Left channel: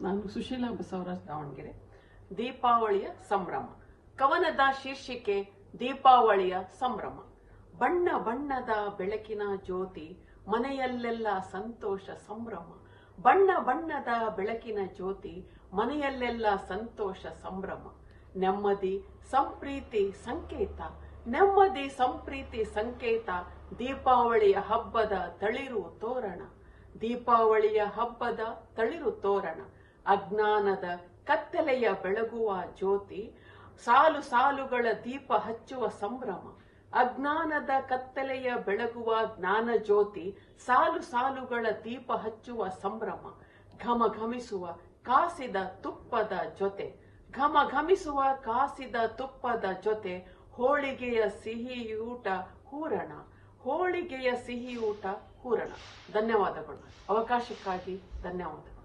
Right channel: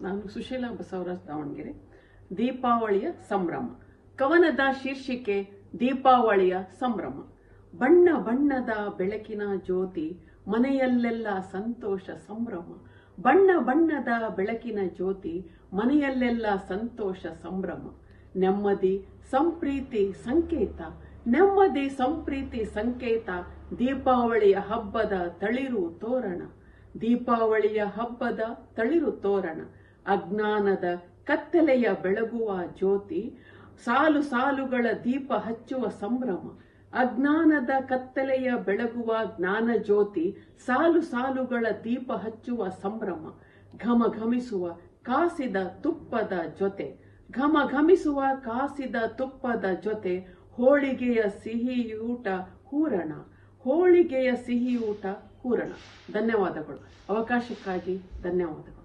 ನಾನು ಸುಶೀಲಾ ಬಸವರಾಜ್ ದಾವಣಗೆರೆ. ದೀಪಾವಳಿಯ ಸಂಭ್ರಮ. ಕವನದ ಶೀರ್ಷಿಕೆ ದೀಪಾವಳಿಯ ಸಂಭ್ರಮ. ಬಣ್ಣ ಬಣ್ಣದ ಬೆಳಕಿನ ಜ್ಯೋತಿ, ಮನೆಯಲ್ಲೆಲ್ಲ ಸಂತೋಷ ಸಂಭ್ರಮ. ಬಣ್ಣ ಬಣ್ಣದ ಬೆಳಕಿನ ಜ್ಯೋತಿ, ಮನೆಯಲ್ಲೆಲ್ಲ ಸಂತೋಷ ಸಂಭ್ರಮ. ನೆಮ್ಮದಿ ಸಂಪ್ರೀತಿ ಸಂಕೇತ, ನೆಮ್ಮದಿ ಸಂಪ್ರೀತಿ ಸಂಕೇತ. ದೀಪಾವಳಿಯ ಹಬ್ಬದ ತಳಿರು ತೋರಣ, ದೀಪಾವಳಿಯ ಹಬ್ಬದ ತಳಿರು ತೋರಣ. ಅಜ್ಞಾನದ ಕತ್ತಲೆಯ ಬೆಳಗುವ ಜ್ಯೋತಿ, ಸಾಲು ಸಾಲುಗಳ ದೀಪ ಹಚ್ಚುವ ಸಂಭ್ರಮ. ಅಜ್ಞಾನದ ಕತ್ತಲೆಯ ಬೆಳಗುವ ಜ್ಞಾನ ಜ್ಯೋತಿ, ಸಾಲು ಸಾಲುಗಳ ದೀಪ ಹಚ್ಚುವ ಸಂಭ್ರಮ. ಘಮ ಘಮಿಸುವ ಕಾಸಿದ ತುಪ್ಪದ ಜೊತೆ, ಘಮ ಘಮಿಸುವ ಕಾಸಿದ ತುಪ್ಪದ ಜೊತೆ. ಹೋಳಿಗೆಯ ಸಿಹಿಯೂಟ ಹೂರಣ, ಹೋಳಿಗೆಯ ಸಿಹಿಯೂಟ ಹೂರಣ. ಧನ್ಯವಾದಗಳು. ಅವಕಾಶಕ್ಕಾಗಿ ಧನ್ಯವಾದಗಳು.